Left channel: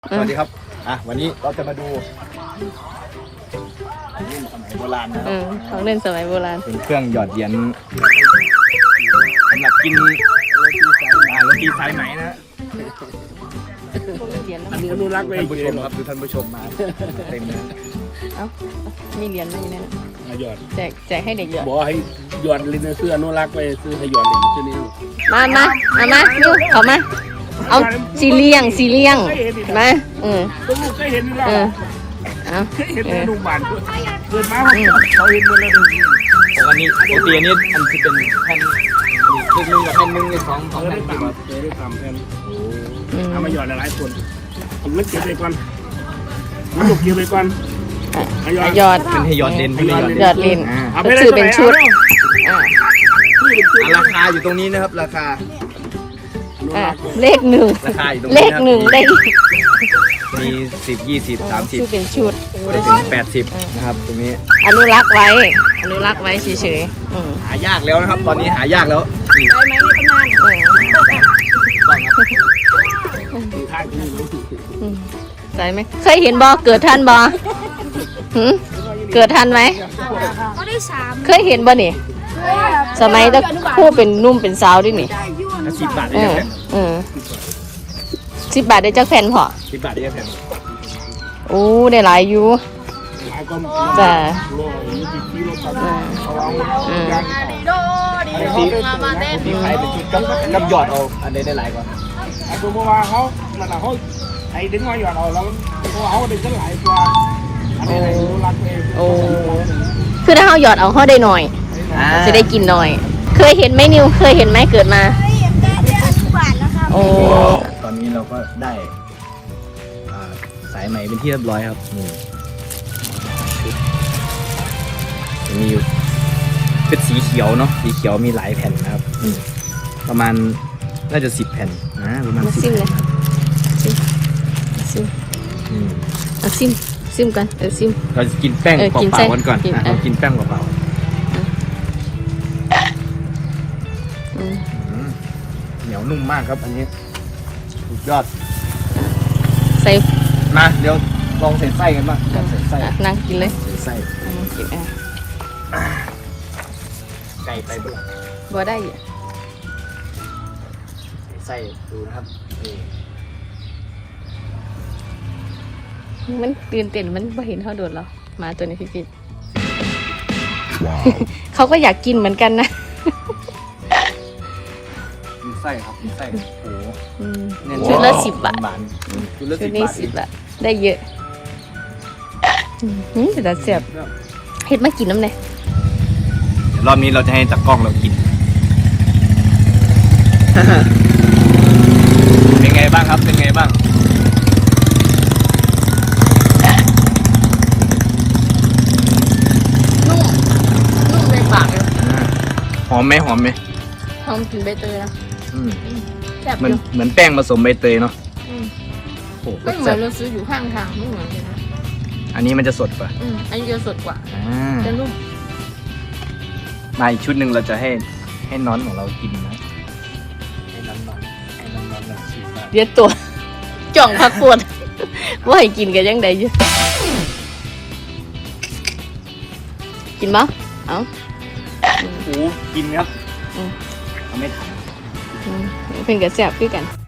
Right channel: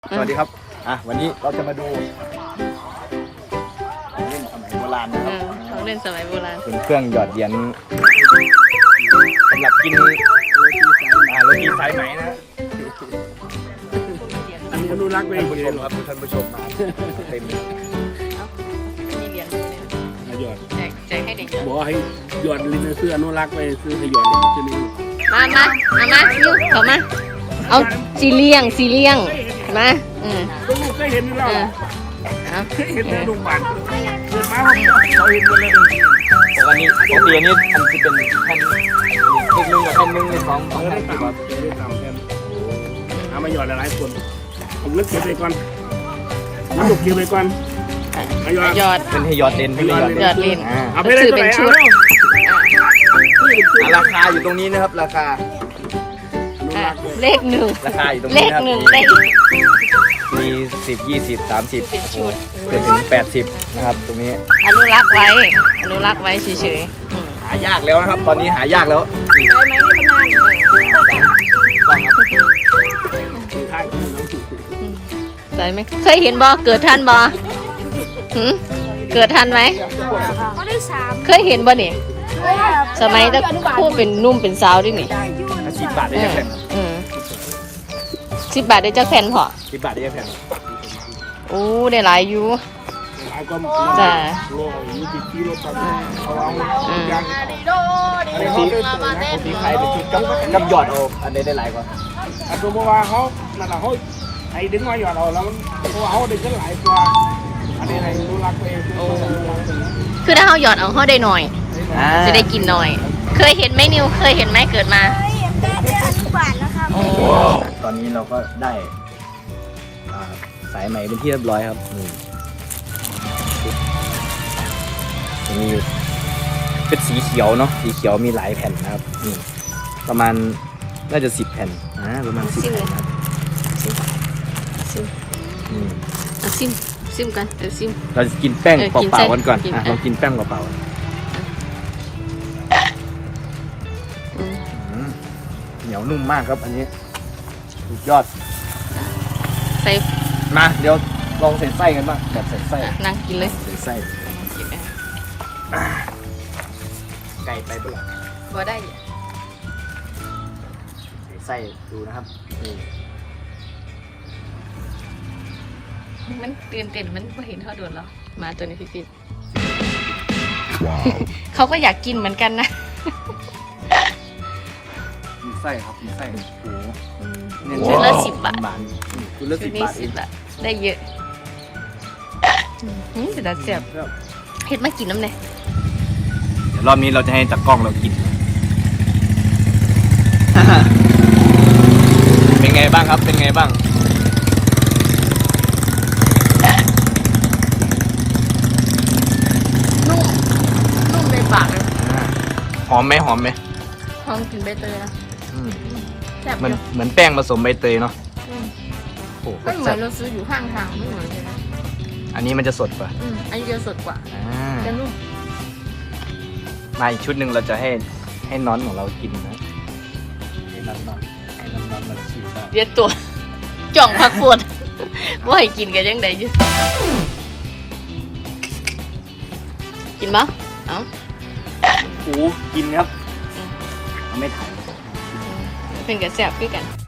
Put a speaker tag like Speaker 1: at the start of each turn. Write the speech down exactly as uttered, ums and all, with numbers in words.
Speaker 1: สวัสดีครับอ่ะวันนี้เราจะมาดูของเล่นสมัยโบราณนะค
Speaker 2: เอ
Speaker 1: รับ
Speaker 2: อของเล่นสมัยโบราณ
Speaker 1: เป็นเครื่องหยอดเหรียญสำหรับกินโรตีสายไหมโรตีสายไหมนะ
Speaker 3: อันนี้อนุรักษ์ไว้เฉยหรอ
Speaker 1: ท่านผู้ชมมาเต็ม
Speaker 2: เอ้ามีเหรียญด้วยเนี่ยนะ
Speaker 3: มาหยอด
Speaker 2: แจกแจกให้เด็กหยอด
Speaker 3: บอกให้หยอดลิ้นเสื้ออนุรักษ์ไว้ซื้อให้หยอดลิ้นชื่อนี้
Speaker 2: มามาเอามานิ้วเข้ามา เอาสีเลี้ยงสีเลี้ยงมาเออ
Speaker 3: ก็ลูกก็เห็นแล้ว
Speaker 2: เออเอา
Speaker 3: เห็นแล้วลุงบานเกิดมาเขาเห็นหมดแล้วดู
Speaker 1: ปกติปกติอันนี้อันที่เป็นแผ่นเล็กนึงกับแผ่นนึงในสองส
Speaker 3: เขา
Speaker 1: องแผ่
Speaker 3: ได้
Speaker 1: น
Speaker 3: ต่ำเจอได้ต่ำแทนเอามาหยอดหลายๆคนผมเลิกเก็บไปก่อนมันลูกเก็บไปก่อนหยอด
Speaker 2: หยอด
Speaker 1: เป็นให้หยอดเด่น
Speaker 3: ให้หยอด
Speaker 2: หยอดลิ้น
Speaker 3: เอาไปได้เท่าไหร่เอาแล้ว
Speaker 1: ราคาอยู่ตรงนี้นะครับราคา
Speaker 3: อนุ
Speaker 2: อ่ะ
Speaker 3: รักษ์
Speaker 2: เลขหนึ่ง
Speaker 1: ราคาอยู่ตรง
Speaker 2: เล
Speaker 1: นี้
Speaker 2: ขหนึ่งได้อีก
Speaker 1: มีสิบยี่สิบสามสิบ
Speaker 2: ชื่อเป็นชุด
Speaker 1: เป็นแปดสิบนะครับตรงนี้
Speaker 2: อนุรักษ์ไว้ อนุรักษ์ไว้เฉยๆอืม
Speaker 1: หายากแล้วนะครับ ตอนนี้หายากแล้ว
Speaker 3: คือท่าที่น้องถูก
Speaker 2: อืมใส่ไหมเคยเห็นบอเกิดทันบอหืมเกิดทันไหมเคยเห็นบอนี่สมัยตะคู่เป็นนุ่มเป็นสาวดินี่
Speaker 1: สิบบาท
Speaker 2: เอ
Speaker 1: ได้
Speaker 2: อ
Speaker 1: ไหม
Speaker 2: เออสิบบาทได้จักแผ่นพอ
Speaker 1: สิบบาทได้ไหม
Speaker 2: โอ้ได้หลายอยู่
Speaker 3: หลายก็
Speaker 2: จ้ะ
Speaker 3: โลยุติที่รถตัดเขาเอายางให้ต่ออันนี้เขาได้ตัวนะ
Speaker 1: ผมมีขายเป็นชุดกับกับหยอดเอาอันใดได้หลายกว่า
Speaker 3: อันตัวเมื่อวานเขานั่นแหละเขาไอ้ดึงมาหยอดเอาแล้วมันตัวเขาได้ขึ้นหลายกว่าอันนี้ไอ้รู้รักเอง
Speaker 2: คือถ้าเขาหยอดเอาเขาได้หน่อย จะได้กินหน่อย เคยเห็นไหมนิวเคยเห็นไหมเกิดมา
Speaker 4: เคยเห็นแต่แต่อนุบาลนะครับ
Speaker 2: โอ้
Speaker 1: ตอนนี้เราก็ได้อ่าสายใหม่เป็นที่เรียบร้อยครับนี่จะมีเป็นสีเขียวเนาะสีเขียวมีหลายแผ่นนะครับนี่ประมาณน่าจะสิบแผ่นอ่าประมาณสิบแผ่นนะครับ
Speaker 2: ซิม
Speaker 1: อืม
Speaker 2: เอาซิมซิมกันเออซิม
Speaker 1: เราจะกินแป้ง
Speaker 2: เออ
Speaker 1: เป
Speaker 2: กิน
Speaker 1: ล่า
Speaker 2: ใช่
Speaker 1: ๆกันก่อน
Speaker 2: กิน
Speaker 1: อ่ะ
Speaker 2: อ่ะ
Speaker 1: เรากินแป้งเปล่า
Speaker 2: อืม
Speaker 1: ๆอืมเหนียวนุ่มมากครับ อันนี้สุดยอด
Speaker 2: ใส่
Speaker 1: มาเดี๋ยวลองใส่ไส้กันบ้างก่อนใส่ไส้
Speaker 2: อ่ะนั่งกินเลย
Speaker 1: ใส่ไส้
Speaker 2: นั่งกินอ่ะ
Speaker 1: ไก่ไปเปล่า
Speaker 2: บ่ได้อ่ะ
Speaker 1: ใส่ไส้ดูนะครับนี่
Speaker 2: มันตื่นเต้นมันไม่เห็นเขาโดนหรอมาตัวนี้พี่กินว้าว เขาก็อยากกินเหมือนกันนะ
Speaker 1: มีไส้ครับมีไส้โอ้โห
Speaker 2: อืม
Speaker 1: เนี่ย
Speaker 2: ชุดละสิบบาท
Speaker 1: บาทชุดละ
Speaker 2: ชุ
Speaker 1: สิ
Speaker 2: ด
Speaker 1: บ
Speaker 2: นี้
Speaker 1: บาท
Speaker 2: สิบบาทได้เยอะอืมจะได้เสียบเฮ็ดมากินน้ำเลย
Speaker 1: เดี๋ยวรอบนี้เราจะให้ตากล้องเรากินเป็นไงบ้างครับเป็นไงบ้าง
Speaker 2: นุ่มนุ่มในปากเลย
Speaker 1: หอมไหมหอมไหม
Speaker 2: หอมกลินใบเตยนะ
Speaker 1: อืม
Speaker 2: แซ่บ
Speaker 1: เหมื
Speaker 2: อ
Speaker 1: อน
Speaker 2: ยู่
Speaker 1: เหมือนแป้งผสมใบเตยเนาะ
Speaker 2: อืม
Speaker 1: โอ้โห
Speaker 2: ไม่เหมือนเราซื้ออยู่ข้างทางไม่เหมือนเลยนะ
Speaker 1: อันนี้มันจะสดป่ะ
Speaker 2: อืมอันนี้จะสดกว่า
Speaker 1: อ่า
Speaker 2: จะนุ่ม
Speaker 1: มาอีกชุดหนึ่งเราจะให้ให้น้องของเรากิน
Speaker 2: เรียนตัว จ่องพักปวด ว่าให้กินกันยังไงอยู่กินมั้ยเอา
Speaker 1: โอ้กินครับ
Speaker 2: อืม
Speaker 1: เอาไม่ทัน
Speaker 2: อืมเป็นกระแซ่บคือกัน